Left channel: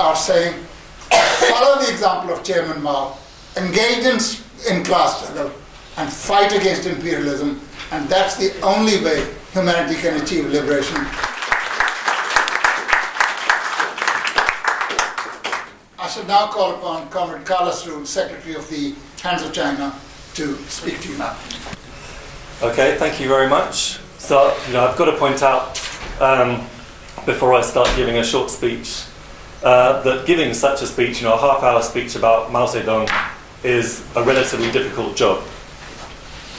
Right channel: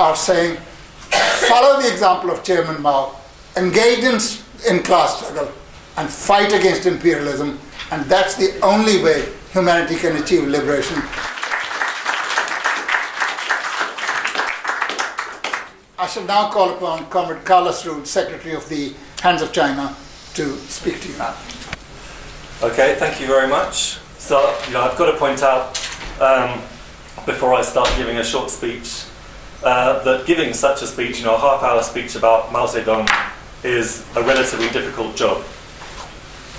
are saying, follow the example of Chairman Mao, engage in class struggle, and fight against imperialism, and that's the only way humanity can achieve liberation. I shall now call upon Comrade Carlos Ruud, Secretary of the Hands of China, to speak to you now. Okay, thank you very much. So, I've got to point out, before I start giving a short speech, that giving such a speech, a half-hour speech about Mao Zedong, is a relatively difficult job.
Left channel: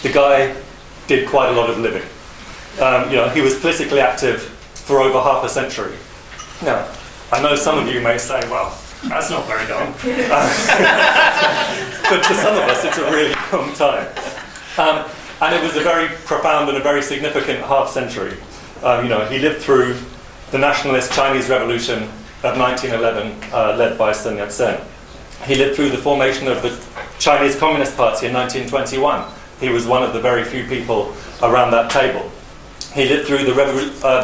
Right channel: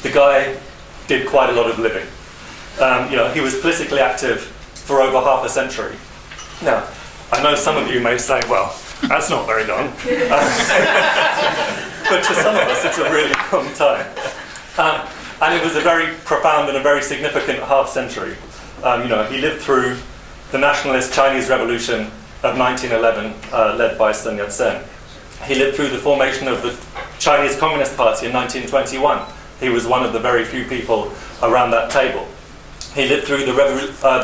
The guy did quite a lot of living. He was politically active for over half a century. Now, I know some of you may say, well, that's not very long. But to some of us, it's a really long time. And it was a very profound and a very significant half century. He lived through the nationalist Chinese Revolution of 1911, led by Sun Yat-sen. He lived through the formation of the Chinese Communist Party in 1921. He was one of the very few people around that table. He lived through the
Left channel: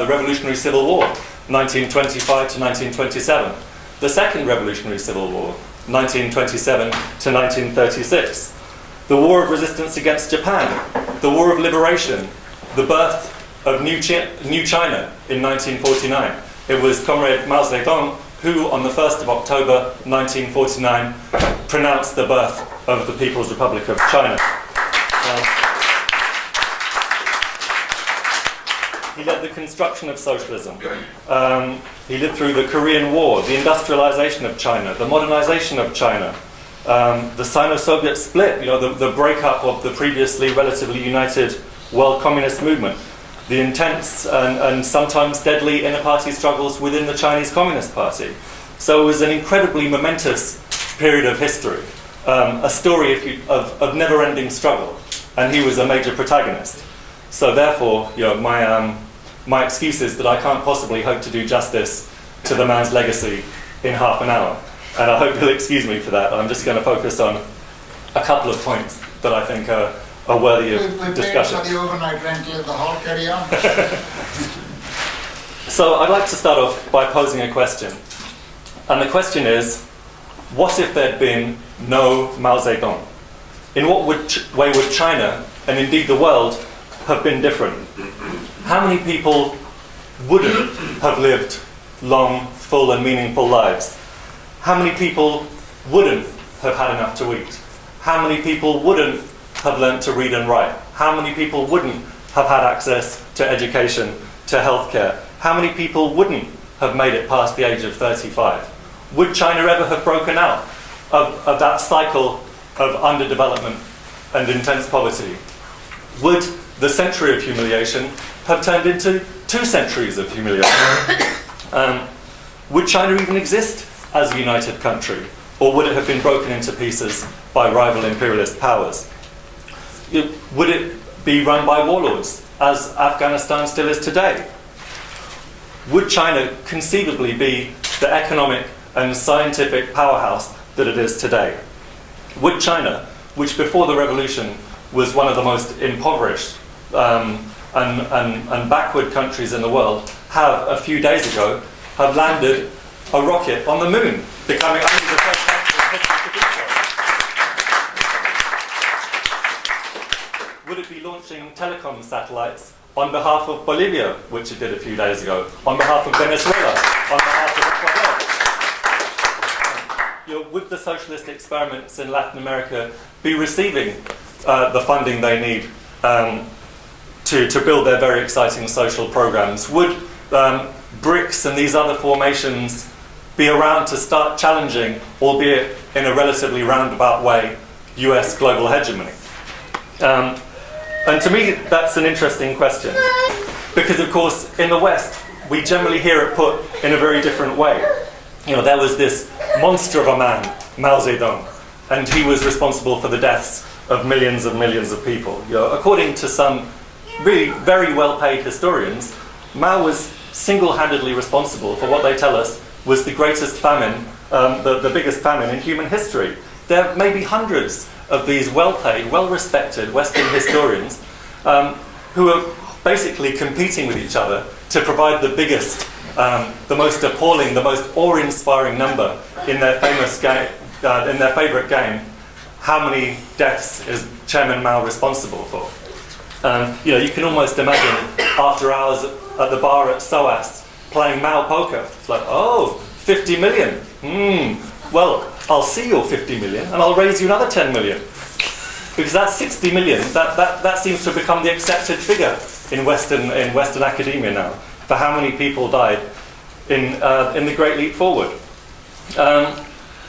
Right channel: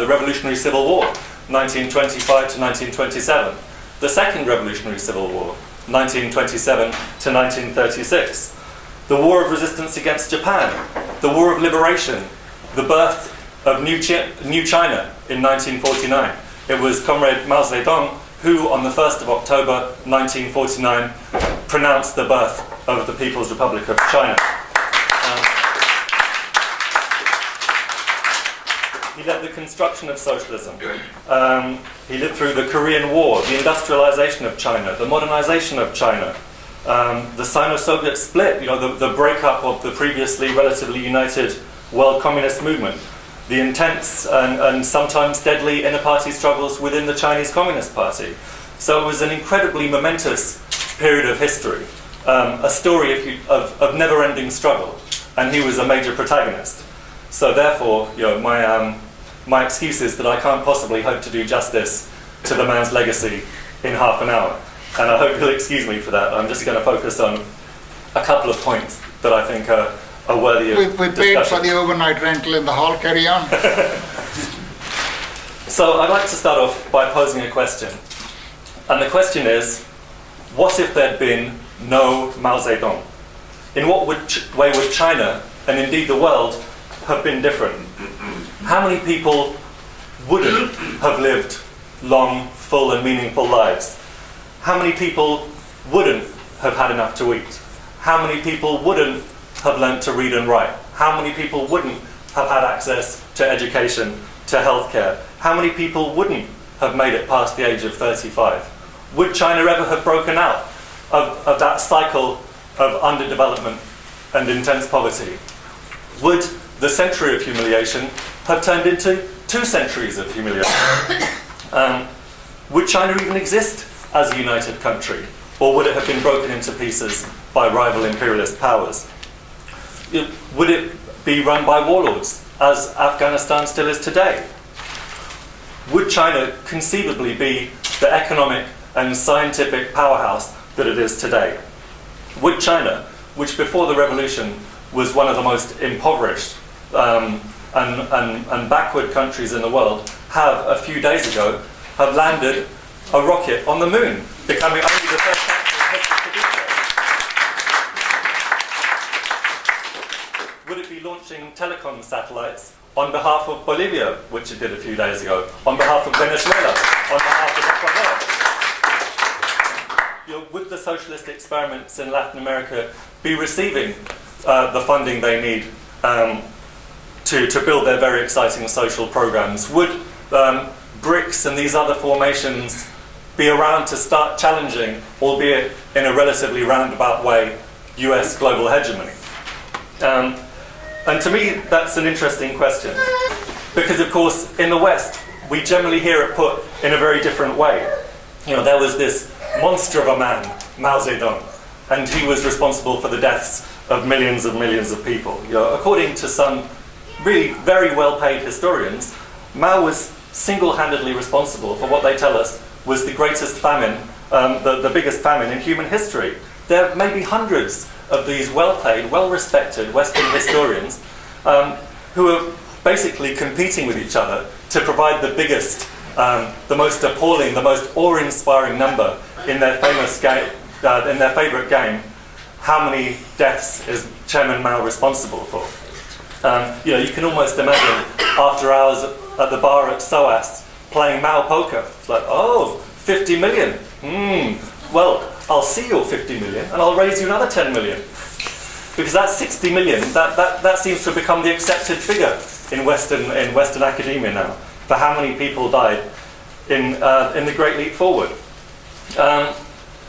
Revolutionary Civil War, 1925 to 1927. The Second Revolutionary Civil War, 1927 to 1936. The War of Resistance against Japan. The War of Liberation. The birth of New China in 1949. It was Comrade Mao Zedong who, on the 1st of October 1949, pronounced the birth of the People's Republic of China. He led the construction of socialism. He lived through the Korean War, the industrialization of China, the modernization of China, the Sino-Soviet split, the breakup of the previously relatively united world communist movement, the intense and sometimes deadly inter-party struggles within the Chinese Communist Party. So it was an incredibly momentous period of history, a story of never-ending struggle, and he was a major protagonist. So therefore, my excuse is that I can't possibly hope to do justice to the man's legacy in half an hour. And I hope you'll excuse me for that. I'm just going to focus on a couple of points that I think are worthy of discussion. We paid for the overnight rental in the hall. Carry on. So I'd like to start off by posing a question. And the question is, what if there'd been no Mao Zedong? In what way would China, and indeed the world, have been different? How many people wouldn't have lived long, full and meaningful lives? How many people wouldn't have had enough to eat? How many people wouldn't have learnt to read and write? How many people wouldn't have had access to education, to healthcare? How many people wouldn't have made it past the age of 35? Would China ever have broken out of that cycle of underdevelopment and intense poverty? Would the century of humiliation have turned into 2 centuries of humiliation? Would China even exist as a united country? Or would it have been broken into pieces by rival imperialist powers? Would it be run by warlords, as Afghanistan still is today? Would China conceivably be the economic and scientific powerhouse that it is today? Would China, which before the revolution was one of the most impoverished and backward countries in the world, have a few days ago have landed a rocket on the moon, becoming only the first country in history to do so? Would it be launching telecom satellites on behalf of Bolivia, which it did a few days ago, on behalf of Venezuela, on behalf of Ecuador? Would the socialist experiments in Latin America be receiving the funding they need to build their very exciting social programs? Would BRICS and these other formations be around to start challenging, albeit in a relatively roundabout way, US global hegemony? And to me, that's an interesting question. Because, of course, in the West, we generally hear it put in a very different way. There was this monster of a man, Mao Zedong, and he was responsible for the deaths of millions of people. According to some really very well-paid historians, Mao was single-handedly responsible for what they tell us was the greatest famine, the biggest famine in human history. There may be hundreds of these well-paid, well-respected Western historians who are basically competing with each other to provide the biggest the most appalling, the most awe-inspiring number in their famous game, in their favourite game, how many deaths is Chairman Mao responsible for? You can almost imagine after hours at the bar at SOAS playing Mao poker. It's like, oh, 50 million. Well, I'll see your 50 million and I'll raise you another 10 million. Because that 60 million, that seems to have become the accepted figure in Western academia now, for how many people died in the Great Leap Forward.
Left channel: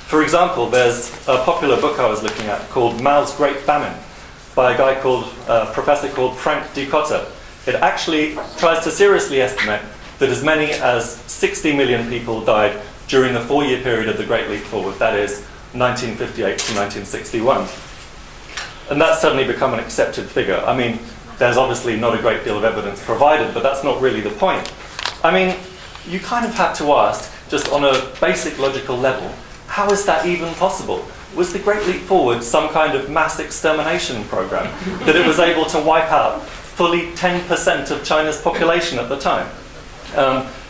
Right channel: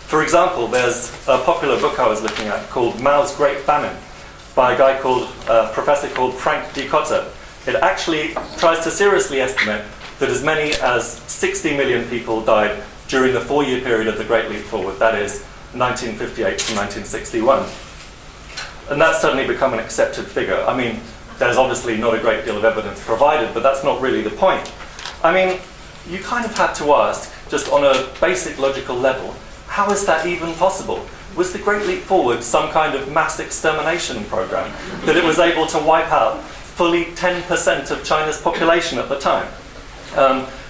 For example, there's a popular book I was looking at called Mao's Great Famine by a guy called, professor called Frank Dikotter. It actually tries to seriously estimate that as many as 60 million people died during the 4-year period of the Great Leap Forward, that is 1958 to 1961. And that's suddenly become an accepted figure. I mean, there's obviously not a great deal of evidence provided, but that's not really the point. I mean, you kind of have to ask, just on a basic logical level, how is that even possible? Was the Great Leap Forward some kind of mass extermination program that it was able to wipe out fully 10% of China's population at the time?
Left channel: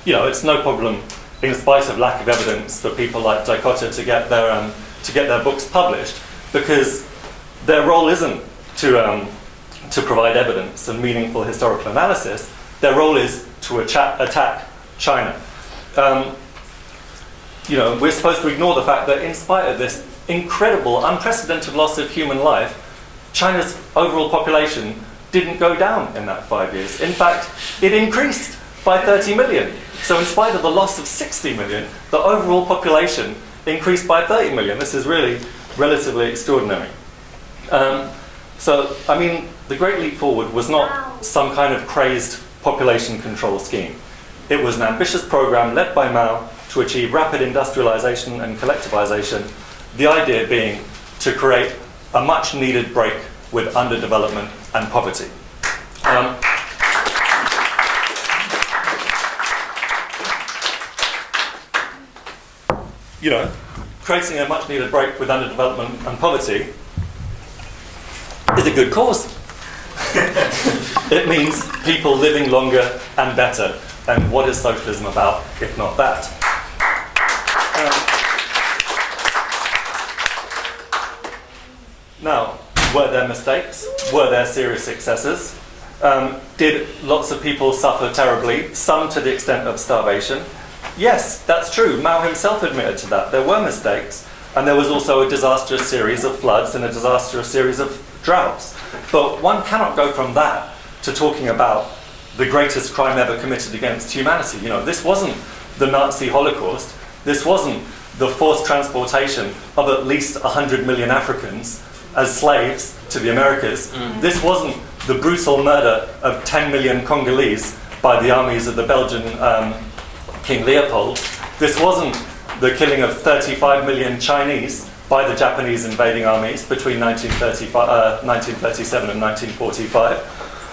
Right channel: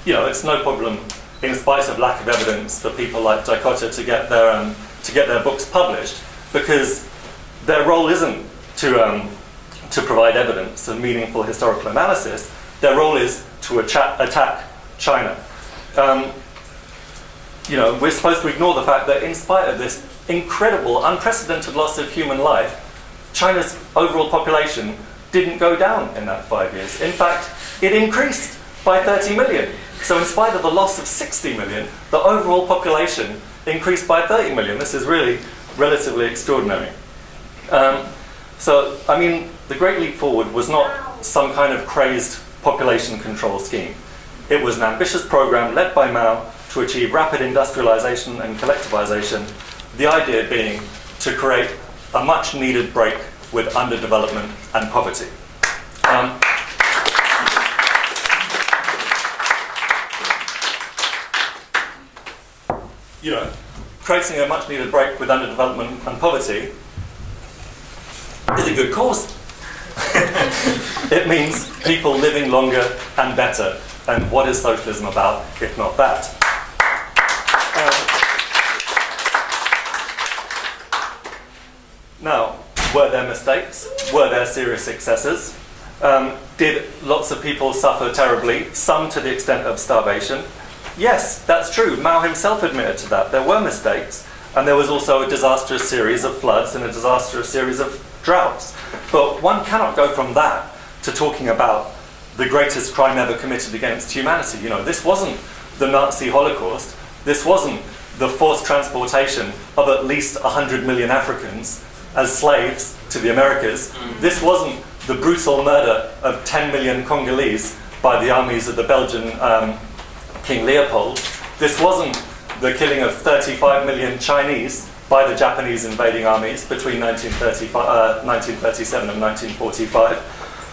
It's no problem, in spite of lack of evidence, for people like Dikotter to get their books published, because their role isn't to provide evidence and meaningful historical analysis. Their role is to attack China. We're supposed to ignore the fact that in spite of this incredible, unprecedented loss of human life, China's overall population didn't go down in that 5 years. In fact, it increased by 30 million. So in spite of the loss of 60 million, the overall population increased by 30 million. This is really relatively extraordinary. The Great Leap Forward was not some kind of crazed population control scheme. It was an ambitious program led by Mao to achieve rapid industrialization and collectivization, the idea being to create a much needed break with underdevelopment and poverty. Creating a much needed break with underdevelopment and poverty is a good cause. It means people living longer and better. And what is socialism about, if not that? Now, were there mistakes? Were there serious successes? Did lots of people suffer terribly, some to the extent of starvation? Yes, that's true. Mao himself admitted to that. There were mistakes, and there was also a disastrous series of floods and a disastrous series of droughts. But one cannot go from that to talking about the greatest crime ever committed against humanity. This wasn't the Nazi Holocaust. This wasn't the forced transportation of at least 100 million Africans as slaves to the Americas. This wasn't the brutal murder of 10 million Congolese by the armies of the Belgian King Leopold. This wasn't the killing of 35 million Chinese by the Japanese invading armies between 1937 and 1945.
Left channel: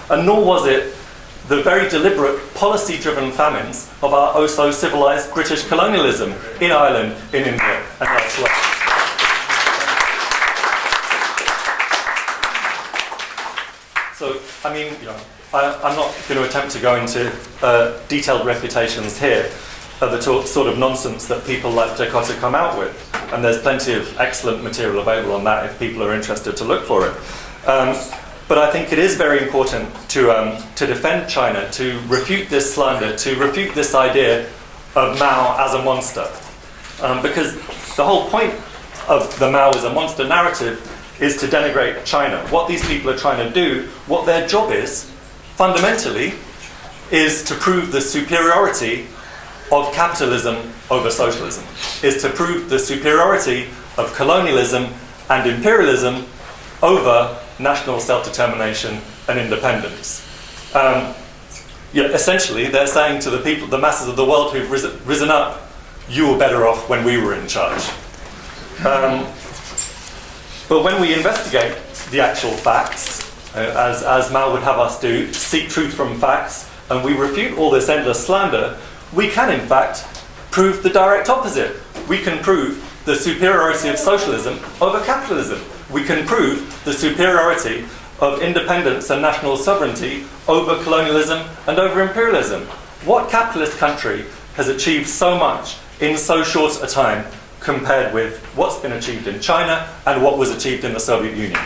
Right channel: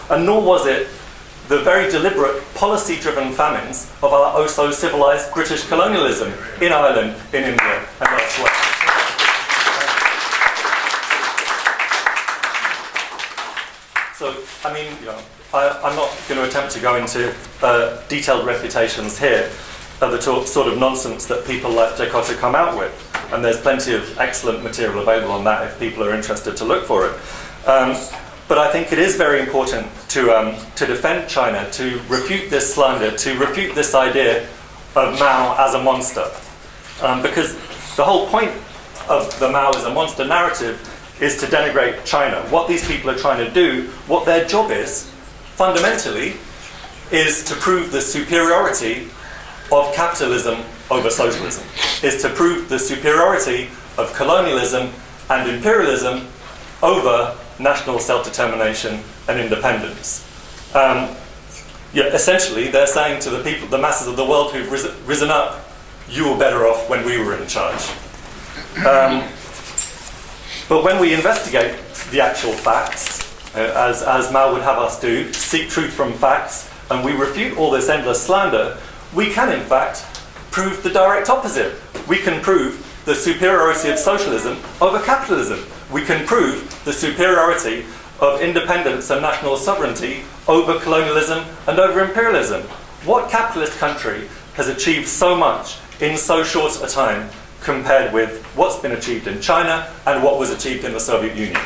And nor was it the very deliberate, policy-driven famines of our oh-so-civilized British colonialism in Ireland, in India, and elsewhere. I'm not going to attempt to go into detailed refutations here of the sort of nonsense that people like Dikotter come out with. And there's plenty of excellent material available on that if people are interested to look for it. But I think it is very important to defend China, to refute this slander, to refute this idea of Mao as a monster. Because the whole point of the Mao as a monster narrative is to denigrate China. What these people are trying to do, what their job is, fundamentally, is to prove the superiority of capitalism over socialism, is to prove the superiority of colonialism and imperialism over national self-determination and independence. Essentially, they're saying to the people, the masses of the world who've risen up, you were better off when we were in charge. But when we investigate the actual facts, as Mao would have us do, seek truth from facts, and we refute all this endless slander, we can in fact prove the direct opposite. We can prove the superiority of socialism over capitalism. We can prove the superiority of independence and national sovereignty over colonialism and over imperialism. What capitalist country has achieved so much in so short a time compared with what's been achieved in China and what was achieved in the Soviet Union.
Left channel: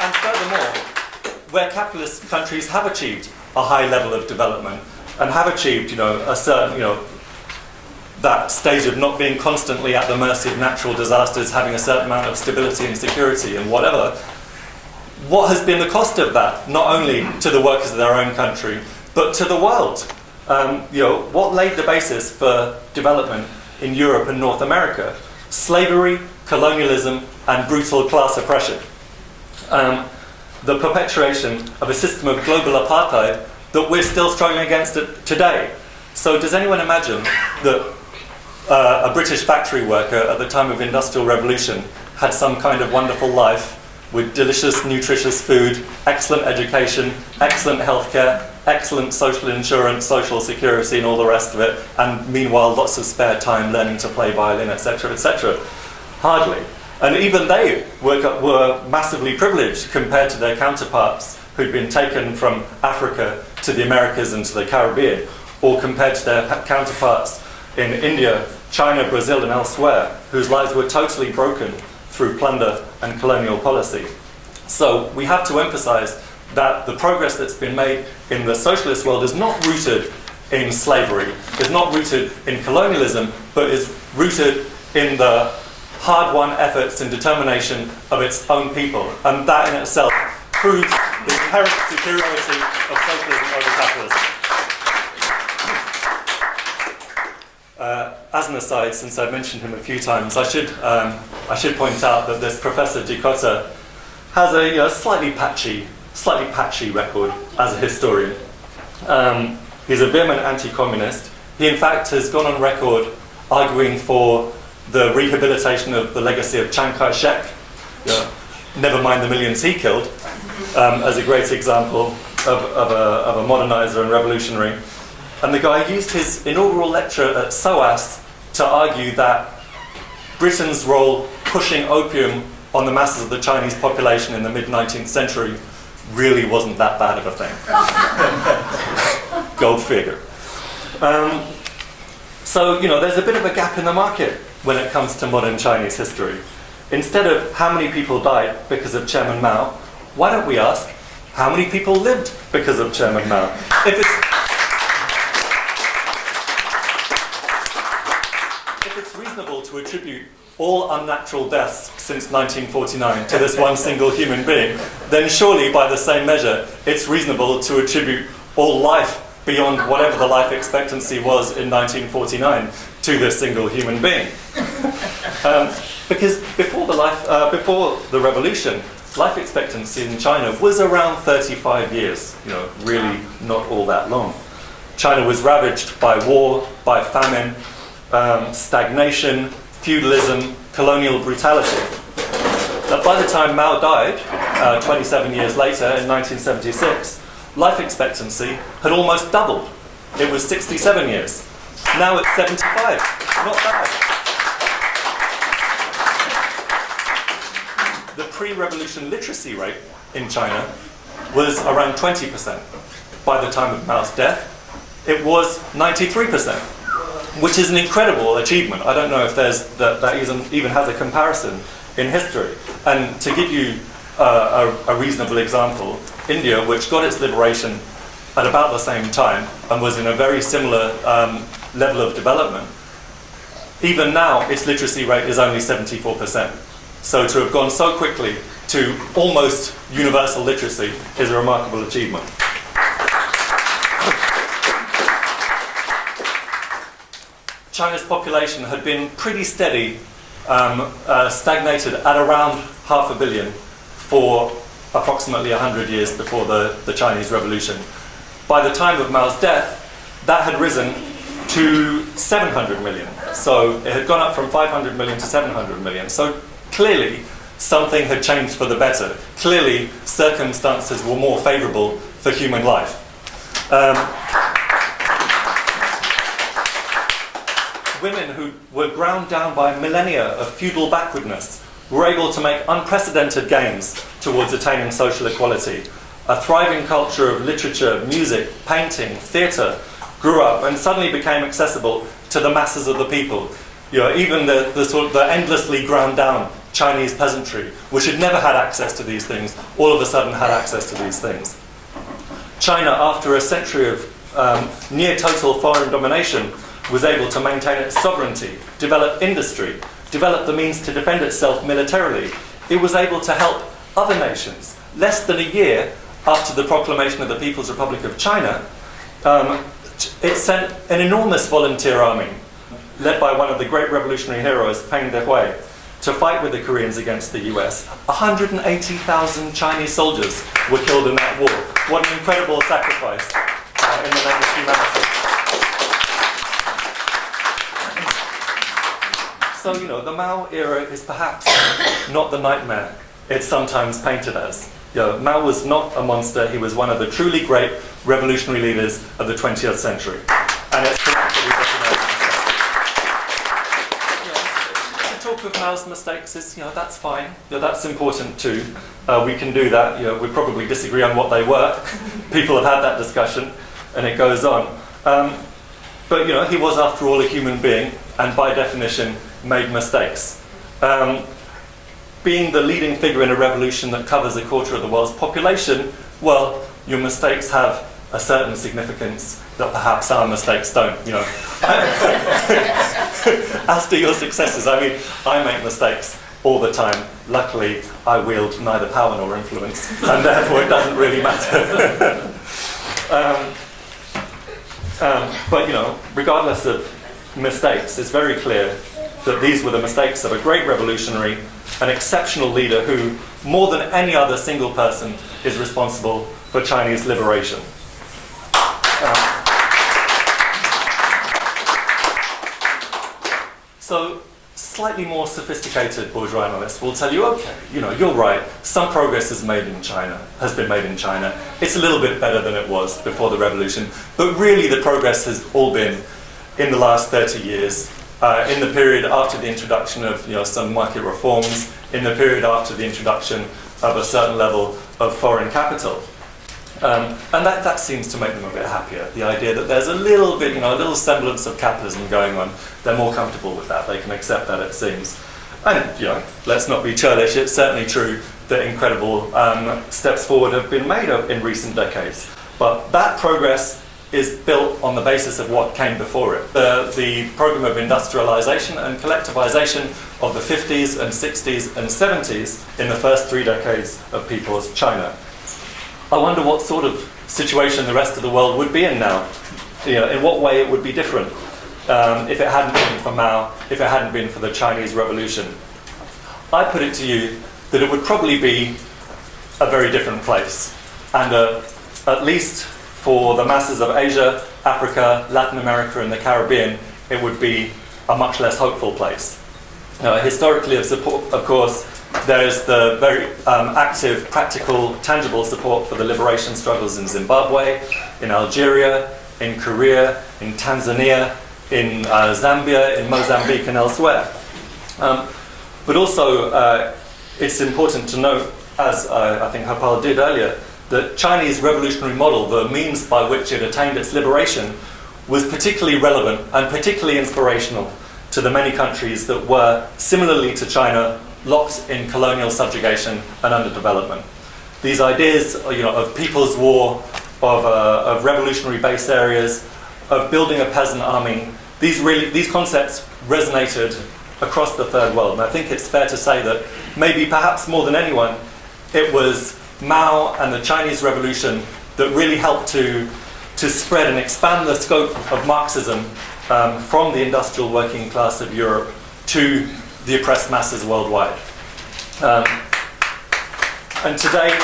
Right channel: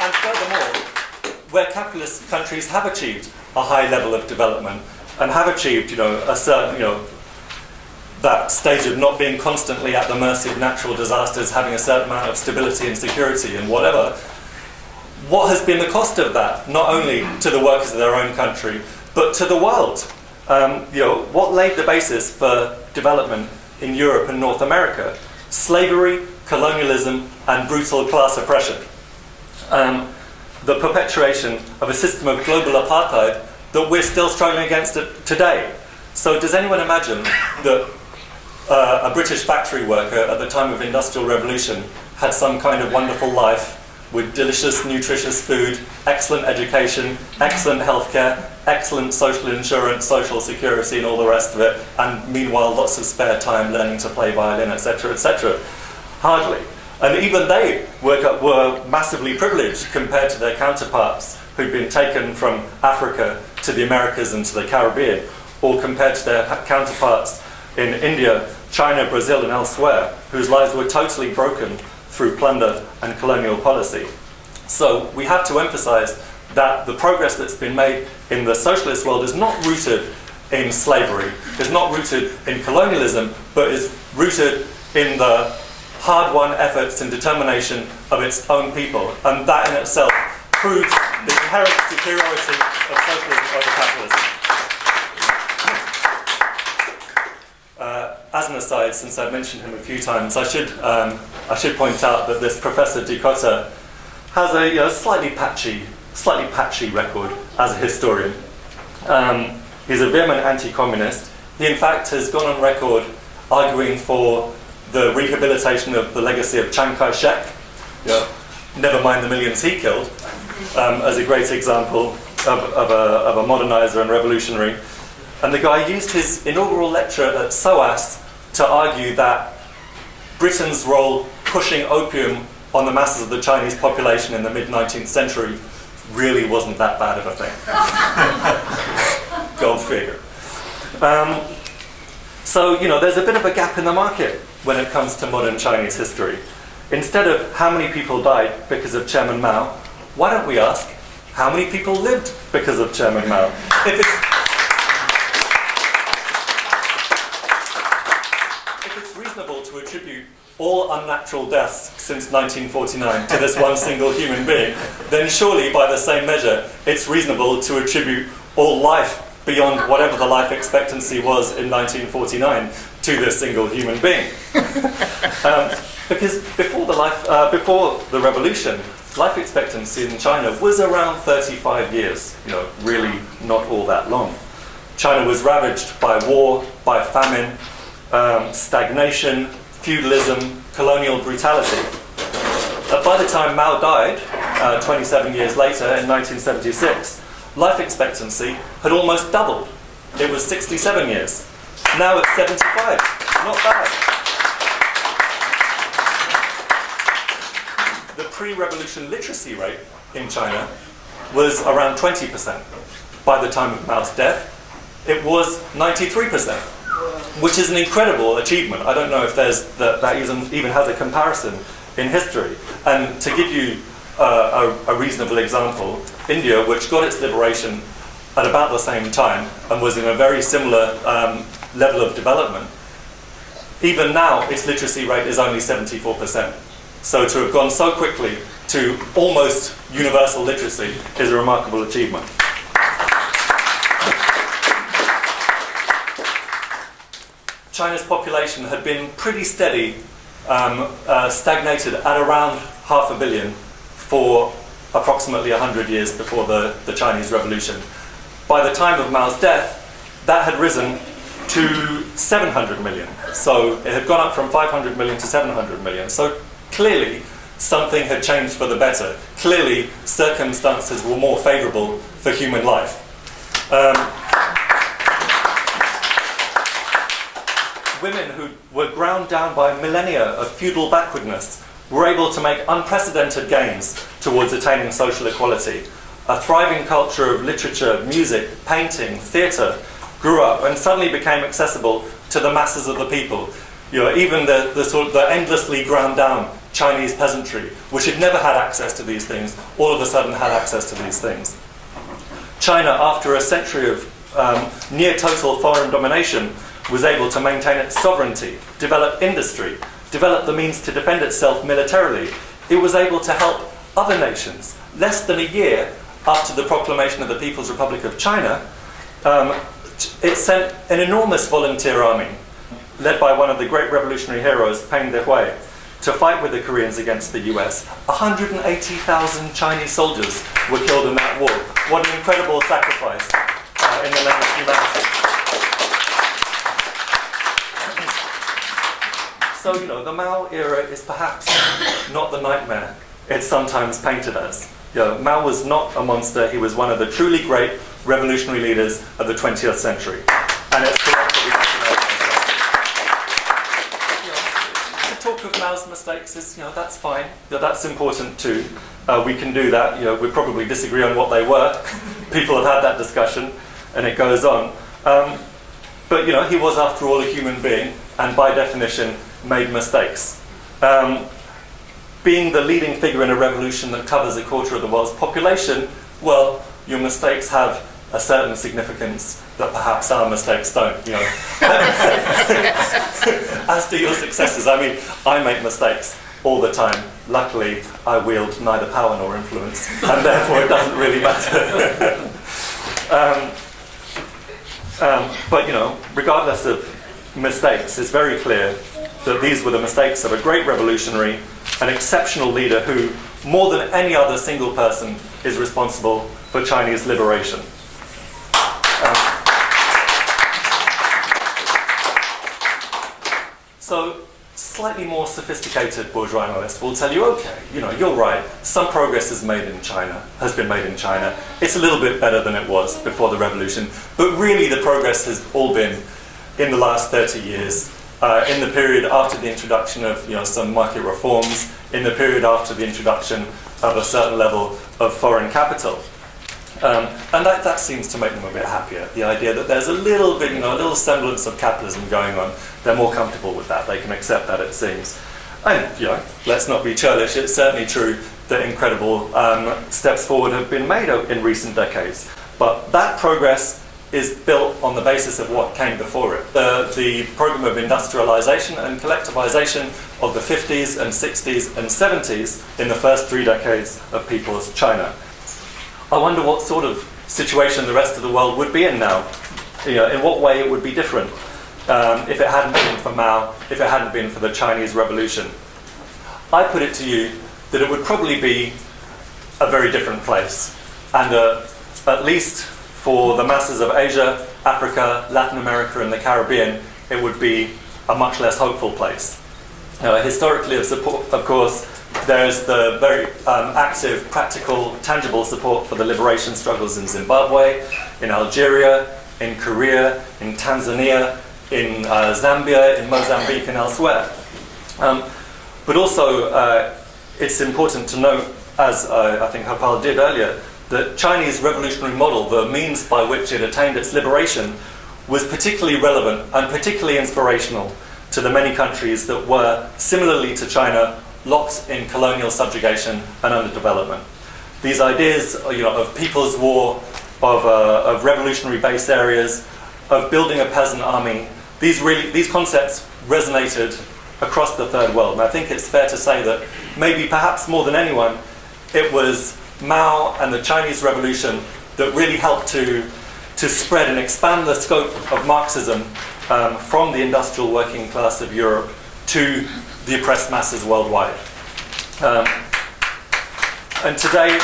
And furthermore, where capitalist countries have achieved a high level of development and have achieved, a certain, that stage of not being constantly at the mercy of natural disasters, having a certain amount of stability and security and whatever, what has been the cost of that, not only to the workers of their own country, but to the world? What laid the basis for development in Europe and North America? Slavery, colonialism, and brutal class oppression. The perpetuation of a system of global apartheid that we're still struggling against it today. So does anyone imagine that a British factory worker at the time of Industrial Revolution had some kind of wonderful life with delicious, nutritious food, excellent education, excellent healthcare, excellent social insurance, social security, and all the rest of it, and meanwhile lots of spare time learning to play violin, etc., etc.? Hardly. And even they were massively privileged compared to their counterparts who'd been taken from Africa to the Americas and to the Caribbean, or compared to their counterparts in India, China, Brazil, and elsewhere, whose lives were totally broken through plunder and colonial policy. So we have to emphasize that the progress that's been made in the socialist world is not rooted in slavery, is not rooted in colonialism, but is rooted in the hard-won efforts and determination of its own people. And that in itself proves the inherent superiority of socialism over capitalism. As an aside, since I've mentioned him a few times, I should point out that this Professor Dikotter has a slightly patchy record as a historian. He's a vehement anti-communist. He in fact has gone on record arguing for the rehabilitation of the legacy of Chiang Kai-shek, never mind the millions he killed, as a great example of a modernizer and revolutionary. And the guy used his inaugural lecture at SOAS to argue that Britain's role pushing opium on the masses of the Chinese population in the mid-19th century really wasn't that bad of a thing. Go figure. So, there's a bit of a gap in the market when it comes to modern Chinese history. Instead of how many people died because of Chairman Mao, why don't we ask how many people lived because of Chairman Mao? If it's reasonable to attribute all unnatural deaths since 1949 to this one single human being, then surely by the same measure it's reasonable to attribute all life beyond whatever the life expectancy was in 1949 to this single human being. Because before the revolution, life expectancy in China was around 35 years, really not all that long. China was ravaged by war, by famine, stagnation, feudalism, colonial brutality. By the time Mao died, 27 years later, in 1976, life expectancy had almost doubled. It was 67 years. Now it's 75. Not bad. The pre-revolution literacy rate in China was around 20%. By the time of Mao's death, it was 93%, which is an incredible achievement. I don't know if that even has a comparison in history. And to give you a reasonable example, India, which got its liberation at about the same time and was in a very similar level of development, even now its literacy rate is only 74%. So to have gone so quickly to almost universal literacy is a remarkable achievement. China's population had been pretty steady, stagnated at around 500 million for approximately 100 years before the Chinese Revolution. By the time of Mao's death, that had risen to 700 million. So it had gone up from 500 million to 700 million. So clearly, something had changed for the better. Clearly, circumstances were more favorable for human life. Women who were ground down by millennia of feudal backwardness were able to make unprecedented gains towards attaining social equality. a thriving culture of literature, music, painting, theatre grew up and suddenly became accessible to the masses of the people. Even the endlessly ground down Chinese peasantry, which had never had access to these things, all of a sudden had access to these things. China, after a century of near total foreign domination, was able to maintain its sovereignty, develop industry, develop the means to defend itself militarily. It was able to help other nations. Less than a year after the proclamation of the People's Republic of China, it sent an enormous volunteer army, led by one of the great revolutionary heroes, Peng Dehuai, to fight with the Koreans against the US. 180,000 Chinese soldiers were killed in that war. What an incredible sacrifice in the name of humanity. So, the Mao era is perhaps not the nightmare it's sometimes painted as. Mao was not a monster. He was one of the truly great revolutionary leaders of the 20th century. And it's correct that we recognize mistakes. To talk of Mao's mistakes is, that's fine. That's important too. We can do that. We probably disagree on what they were. People have had that discussion, and it goes on. But, he was, after all, a human being, and by definition, made mistakes. Being the leading figure in a revolution that covers a quarter of the world's population, well, your mistakes have a certain significance that perhaps our mistakes don't, As do your successes. I make mistakes all the time. Luckily, I wield neither power nor influence, and therefore it doesn't really matter. But, regardless of mistakes, it's very clear that these were the mistakes of a great revolutionary, an exceptional leader who, more than any other single person, is responsible for Chinese liberation. So, slightly more sophisticated bourgeois analysts will tell you, okay, you're right, some progress has been made in China. It's a little bit better than it was before the revolution, but really the progress has all been in the last 30 years. In the period after the introduction of some market reforms, in the period after the introduction of a certain level of foreign capital. And that seems to make them a bit happier. The idea that there's a little bit, a little semblance of capitalism going on, they're more comfortable with that. They can accept that, it seems. And, let's not be churlish, it's certainly true that incredible steps forward have been made in recent decades. But that progress is built on the basis of what came before it. The program of industrialization and collectivization of the 50s and 60s and 70s in the first 3 decades of People's China. I wonder what sort of situation the rest of the world would be in now. In what way it would be different if it hadn't been for Mao, if it hadn't been for the Chinese Revolution. I put it to you that it would probably be a very different place. And at least for the masses of Asia, Africa, Latin America, and the Caribbean, it would be a much less hopeful place. Historically, of course, there is the very active, practical, tangible support for the liberation struggles in Zimbabwe, in Algeria, in Korea, in Tanzania, in Zambia, in Mozambique, and elsewhere. But also, it's important to note, as I think Hopal did earlier, the Chinese revolutionary model, the means by which it attained its liberation, was particularly relevant and particularly inspirational to the many countries that were, similarly to China, locked in colonial subjugation and underdevelopment. These ideas, of people's war, of revolutionary base areas, of building a peasant army, these concepts resonated across the Third World. And I think it's fair to say that maybe, perhaps more than anyone, it was Mao and the Chinese Revolution that really helped to spread and expand the scope of Marxism from the industrial working class of Europe to the oppressed masses worldwide. And today,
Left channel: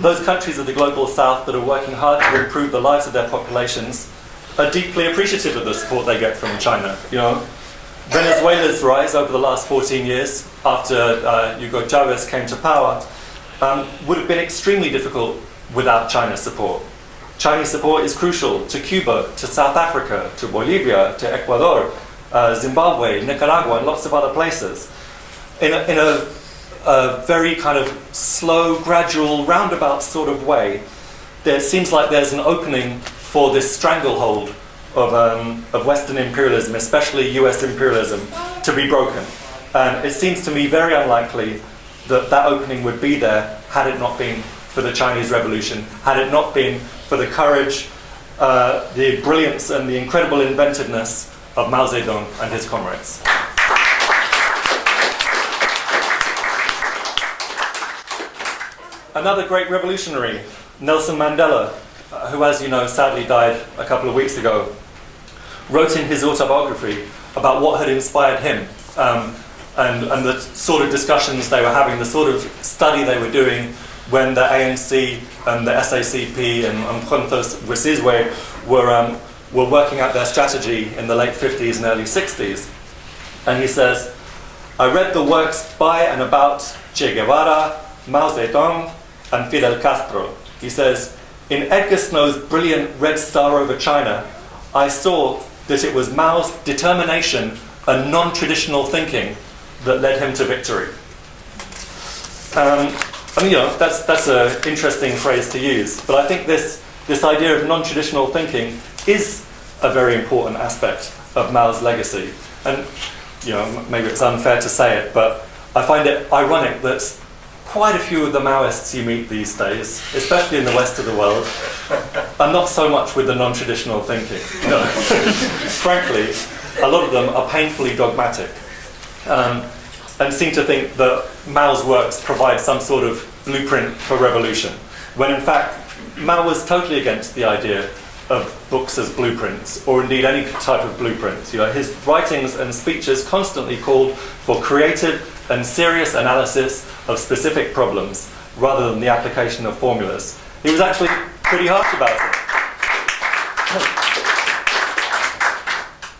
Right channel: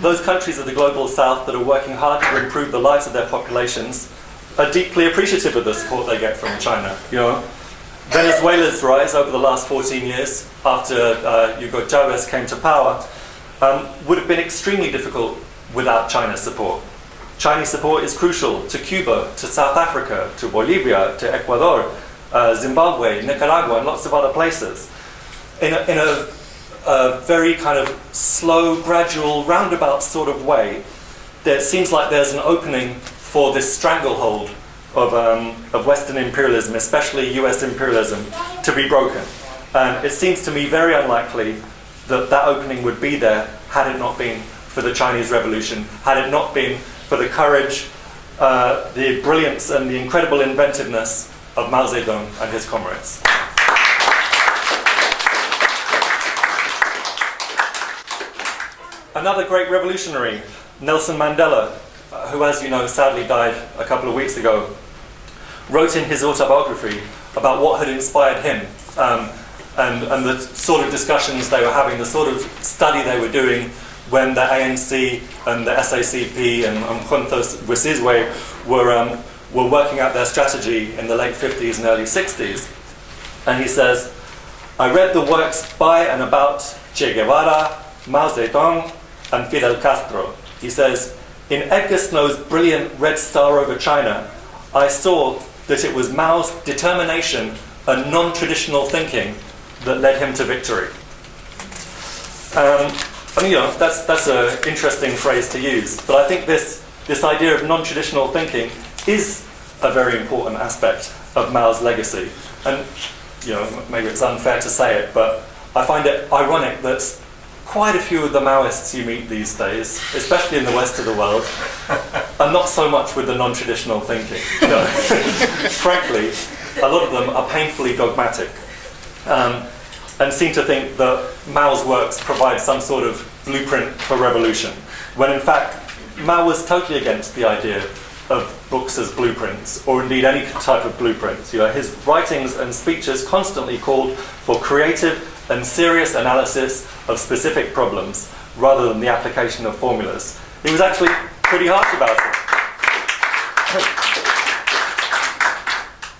those countries of the global south that are working hard to improve the lives of their populations are deeply appreciative of the support they get from China. Venezuela's rise over the last 14 years, after Hugo Chavez came to power, would have been extremely difficult without China's support. Chinese support is crucial to Cuba, to South Africa, to Bolivia, to Ecuador, Zimbabwe, Nicaragua, and lots of other places. in a very kind of slow, gradual, roundabout sort of way, there seems like there's an opening for this stranglehold of Western imperialism, especially US imperialism, to be broken. And it seems to me very unlikely that that opening would be there had it not been for the Chinese Revolution, had it not been for the courage, the brilliance and the incredible inventiveness of Mao Zedong and his comrades. Another great revolutionary, Nelson Mandela, who, as you know, sadly died a couple of weeks ago, wrote in his autobiography about what had inspired him and the sort of discussions they were having, the sort of study they were doing when the ANC and the SACP and Umkhonto Wesizwe were working out their strategy in the late 50s and early 60s. And he says, I read the works by and about Che Guevara, Mao Zedong, and Fidel Castro. He says, in Edgar Snow's brilliant Red Star over China, I saw that it was Mao's determination and non-traditional thinking that led him to victory. I mean, that's an interesting phrase to use, but I think this idea of non-traditional thinking is a very important aspect of Mao's legacy. And maybe it's unfair to say it, but I find it ironic that quite a few of the Maoists you meet these days, especially in the West of the world, are not so much with the non-traditional thinking. No. Frankly, a lot of them are painfully dogmatic and seem to think that Mao's works provide some sort of blueprint for revolution, when in fact Mao was totally against the idea of books as blueprints, or indeed any type of blueprints. His writings and speeches constantly called for creative and serious analysis of specific problems, rather than the application of formulas. He was actually pretty harsh about it.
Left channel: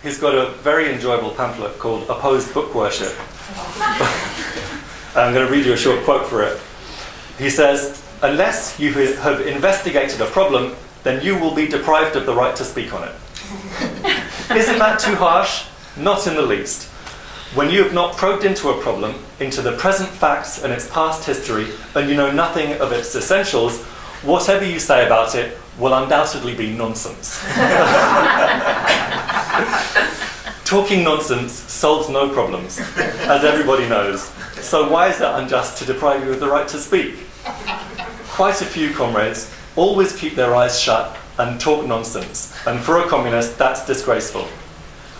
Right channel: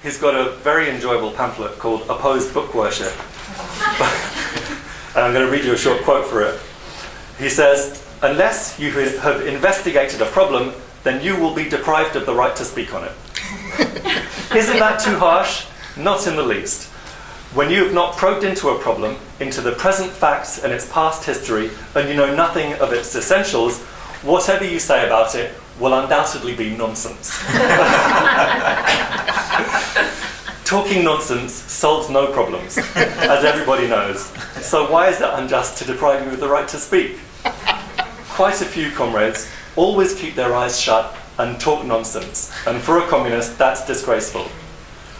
He's got a very enjoyable pamphlet called Opposed Book Worship. I'm going to read you a short quote for it. He says, unless you have investigated a problem, then you will be deprived of the right to speak on it. Isn't that too harsh? Not in the least. When you have not probed into a problem, into the present facts and its past history, and you know nothing of its essentials, whatever you say about it will undoubtedly be nonsense. Talking nonsense solves no problems, as everybody knows. So why is it unjust to deprive you of the right to speak? Quite a few comrades always keep their eyes shut and talk nonsense, and for a communist, that's disgraceful.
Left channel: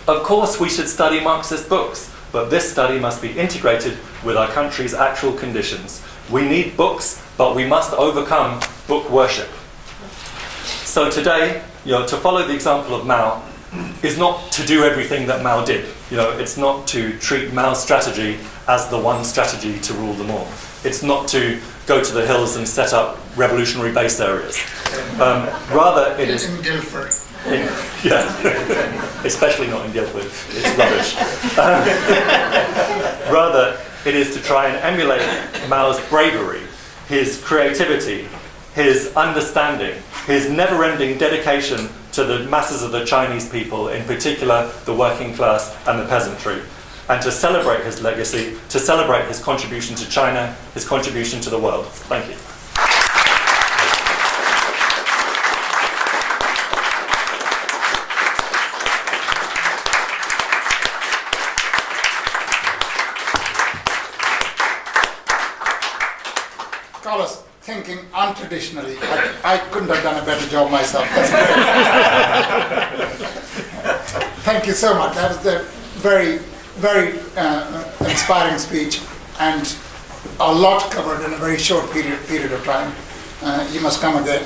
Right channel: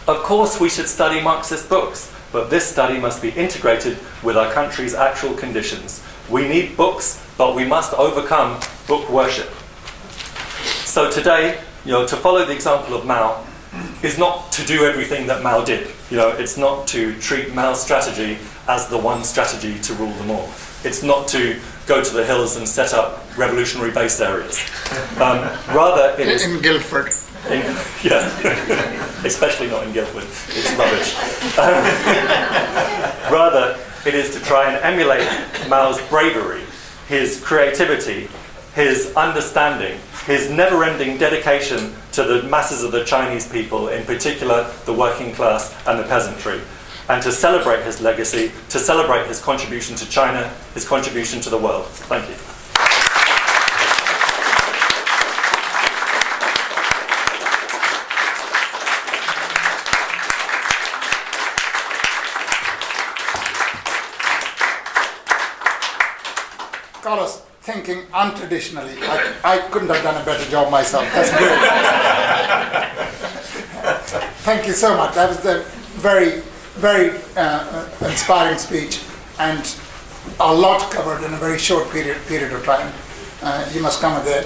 Of course, we should study Marxist books, but this study must be integrated with our country's actual conditions. We need books, but we must overcome book worship. So today, to follow the example of Mao is not to do everything that Mao did. It's not to treat Mao's strategy as the one strategy to rule them all. It's not to go to the hills and set up revolutionary base areas. Rather, it is... In Guildford. Especially not in Guildford. It's rubbish. Rather, it is to try and emulate Mao's bravery, his creativity, his understanding, his never-ending dedication to the masses of the Chinese people, in particular the working class and the peasantry, and to celebrate his legacy, to celebrate his contribution to China, his contribution to the world. Thank you. Carlos, thinking untraditionally. I couldn't have done a better job myself. That's great. Thank you so much. That was a very, very inspiring speech, and a lot covered in a very short period of time. You must come again.